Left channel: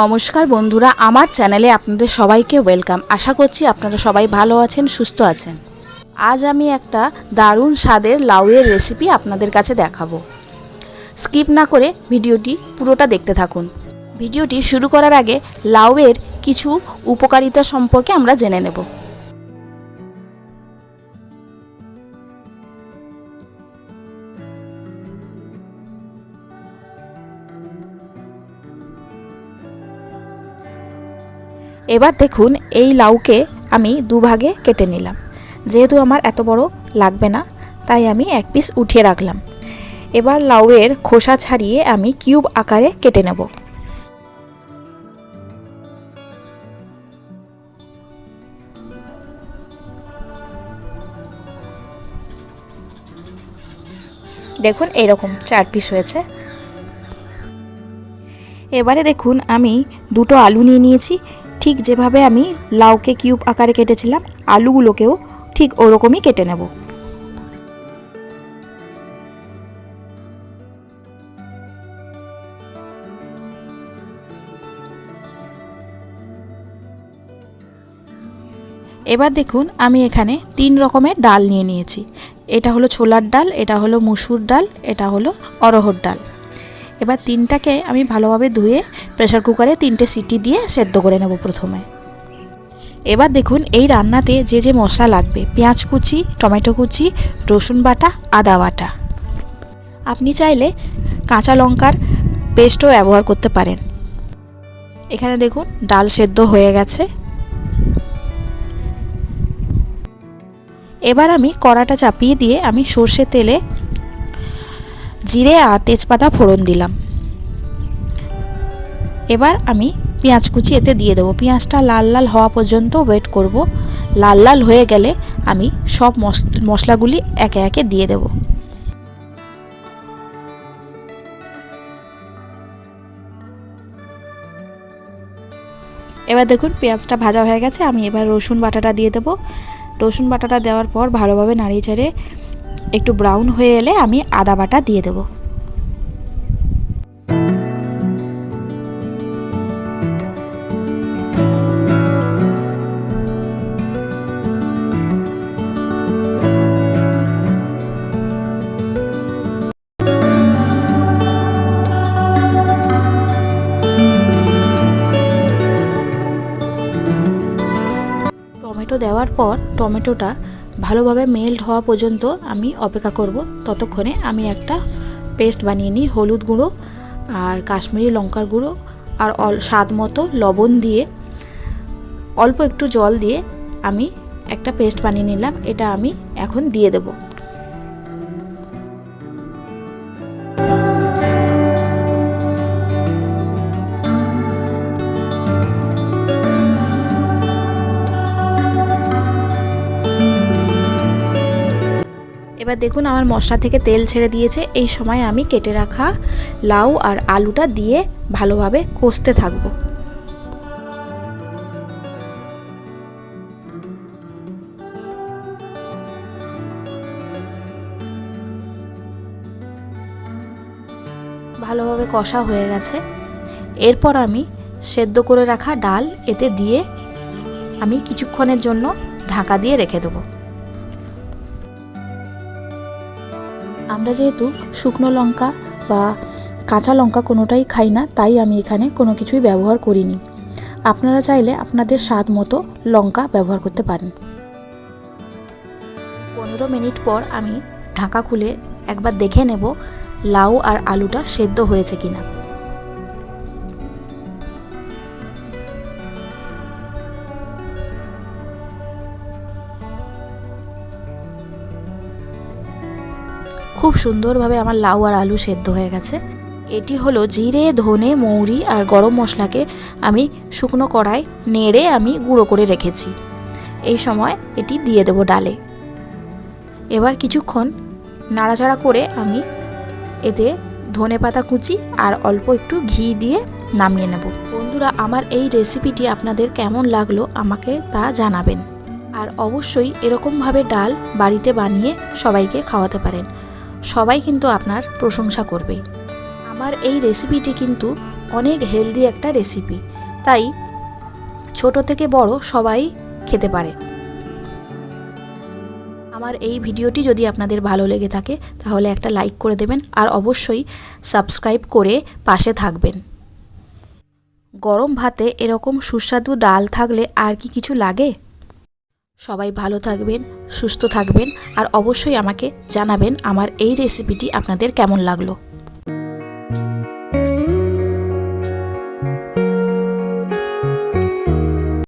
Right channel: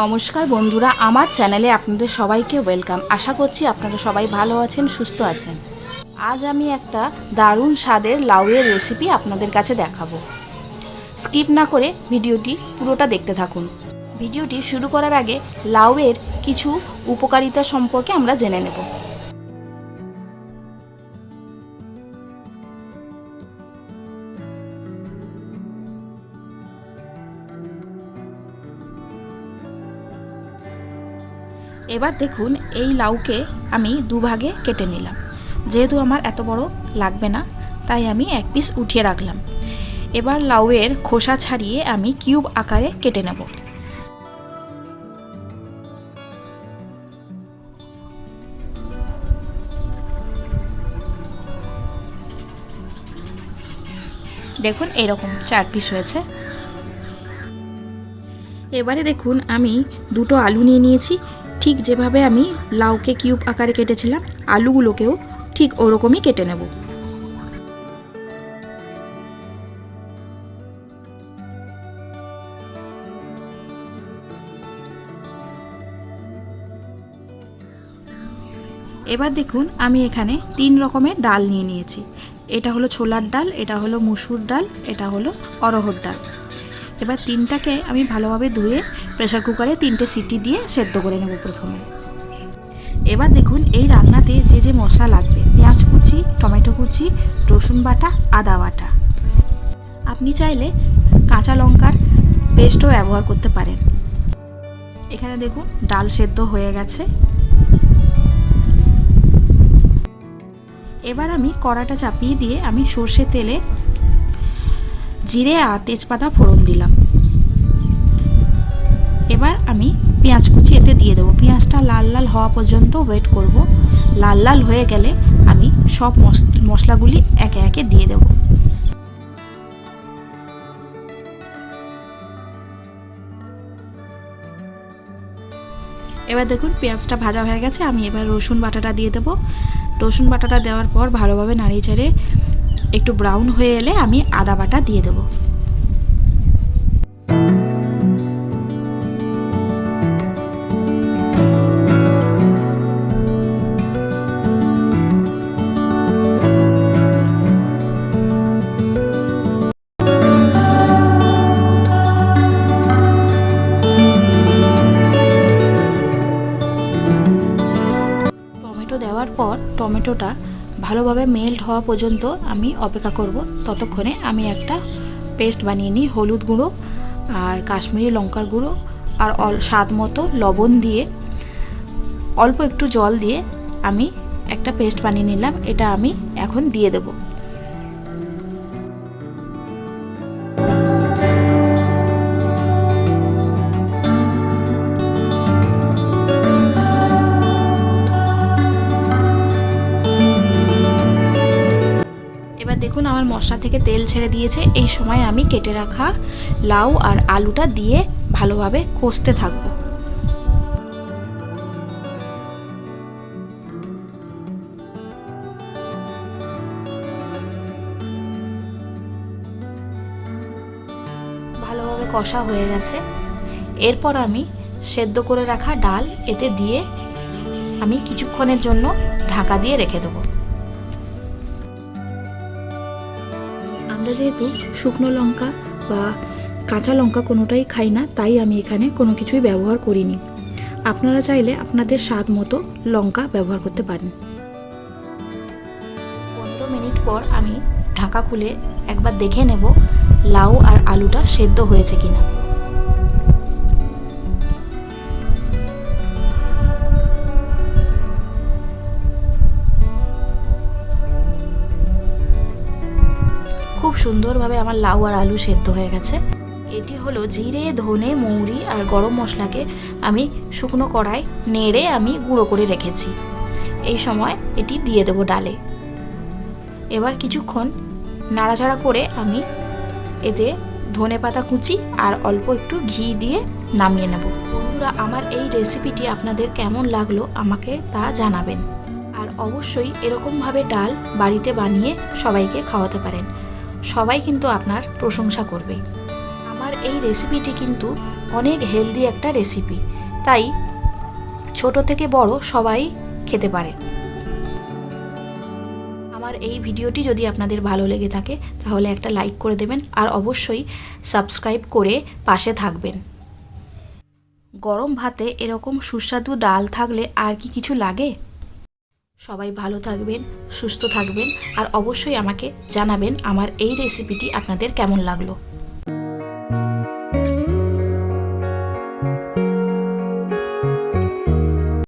নমস্কার বন্ধুরা, আমার চ্যানেলে আপনাদের সবাইকে ওয়েলকাম। আশা করছি আপনারা সবাই ভালো আছেন, সুস্থ আছেন। আজ আমি একটা দারুণ স্বাদের লাউয়ের রেসিপি আপনাদের কাছে দেখাবো। স্কিপ না করে ভিডিওটি পুরোটা দেখতে থাকুন। ভিডিওটি শুরু করার আগে লাউয়ের কিছু উপকারিতা সম্পর্কে আমরা জেনে নেব। এবার দেখুন এই লাউকে আমি দুভাগে কেটে নিলাম। যেহেতু আমার এত বড় লাগবে না, তাই আমি এক পিস উঠিয়ে রাখলাম। এবার লাউয়ের খোসা ছাড়িয়ে আমি কিউব আকারে কেটে নেব। দেখুন এরকম চার পিস হয়েছে। এবারে দেখুন আমি দুটো আলু নিয়ে নিয়েছি ঠিক যেভাবে আমি লাউকে কিউব আকারে কেটেছিলাম, আলুগুলোকেও ঠিক ওরকমই কেটে নেব। এবার দেখুন, আমি এখানে তিন রকমের ডাল নিয়ে নিয়েছি। এটা হলো ছোলার ডাল, এটা হলো মুসুর ডাল, এটা হলো অরহর ডাল। এবার তিনটাকে আমি ভালোভাবে ধুয়ে প্রেসার কুকারে তিনটে সিটি দিয়ে সেদ্ধ করে নেব প্রথমে। এবার দেখুন এই রান্নাতে যে যে মশলা লাগবে, পেঁয়াজ কুচি, টমেটো কুচি, রসুন বাটা, আদা বাটা। আপনি চাইলে কাঁচা লঙ্কার পেস্টও ব্যবহার করতে পারেন। এখানে দেখুন ডাল সেদ্ধ হয়ে গেছে। এবার আমি কড়াটা চাপিয়ে দিয়ে আমি সর্ষে তেলে জিরে আর তেজপাতা ফোড়ন দিলাম। এবার আমি পেঁয়াজ কুচি এতে দিয়ে দেবো। পেঁয়াজটা লাল লাল হওয়া পর্যন্ত ওয়েট করব। লাল লাল হয়ে গেলে আমি সব মশলাগুলি একে একে দিয়ে দেব। এবার দেখুন পেঁয়াজটা ভাজা হয়ে গেছে। আমি এবার রসুন বাটাটা দিয়ে দেবো। রসুন বাটাটা দেওয়ার পর ভালোভাবে নাড়িয়ে চাড়িয়ে একটু ব্রাউন হয়ে এলে আমি আদা বাটা দিয়ে দেবো। টমেটো দেওয়ার পর টমেটোটা ভালোভাবে মেল্ট হওয়া পর্যন্ত আমি অপেক্ষা করব। ততক্ষণে আমি একটা পেস্ট বানিয়ে নিই, হলুদ গুঁড়ো আর কাশ্মীরি লঙ্কার গুঁড়ো আর স্বাদ মতো লবণ দিয়ে অল্প একটু জল দিয়ে আমি একটা পেস্ট বানিয়ে নিলাম। এটা আমি এখন দিয়ে দেবো। এবার দেখুন আমার মশলা থেকে তেল ছেড়ে দিয়েছে। এই সময় আমি কেটে রাখা লাউ আর আলুটা দিয়ে ভালোভাবে কষতে থাকব। ভালোভাবে কষা হয়ে গেছে। এরপর আমি সেদ্ধ করে রাখা ডাল এতে দিয়ে আমি কিছুক্ষণের জন্য ঢাকা দিয়ে রেখে দেবো। আমরা যেহেতু শুকনো লঙ্কা বা কাঁচা লঙ্কা কোনোটাই খাই না, তাই আমি এখানে কোনো কিছুই ব্যবহার করিনি। আপনারা চাইলে আপনাদের স্বাদ মতো লঙ্কা ব্যবহার করতে পারেন। পনেরো মিনিট পর আমি ঢাকা খুলে একবার দেখে নেব লাউ আর আলুটা সেদ্ধ হয়েছে কিনা। খুব সুন্দরভাবে আমার লাউ আর আলু সেদ্ধ হয়ে গেছে। এটি হলো জিরে, ধনে, মৌরি আর গরম মশলাকে আমি শুকনো কড়াই নেড়ে আমি গুঁড়ো করে রেখেছি। এই সময় এটি দিয়ে দেবো ডালে। এবার কিছুক্ষণ নাড়াচাড়া করে আমি এতে ধনে পাতা কুচি আর অল্প একটু ঘি দিয়ে নামিয়ে নেব। বন্ধুরা, আমার এই রেসিপিটি আপনাদের কেমন লাগল আমাকে তা জানাবেন। আর অবশ্যই এরকমভাবে ডাল বাড়িতে বানিয়ে সবাইকে খাওয়াতে পারেন। সবাই কিন্তু আপনার প্রশংসা করবে। আমার এই রেসিপিটি কিন্তু অনেক হেলদি একটা রেসিপি তাই ছোট থেকে বড় সবাই খেতে পারে। আমার এই ভিডিওটি যদি আপনাদের ভালো লেগে থাকে, তাহলে একটা লাইক করে দেবেন আর অবশ্যই সাবস্ক্রাইব করে পাশে থাকবেন। গরম ভাতে এরকম সুস্বাদু ডাল থাকলে আর কি কিছু লাগে? সবাই ভালো থাকবেন, সুস্থ থাকবেন আর অবশ্যই আমাকে জানাবেন আমার এই রেসিপিটি আপনাদের কেমন লাগল।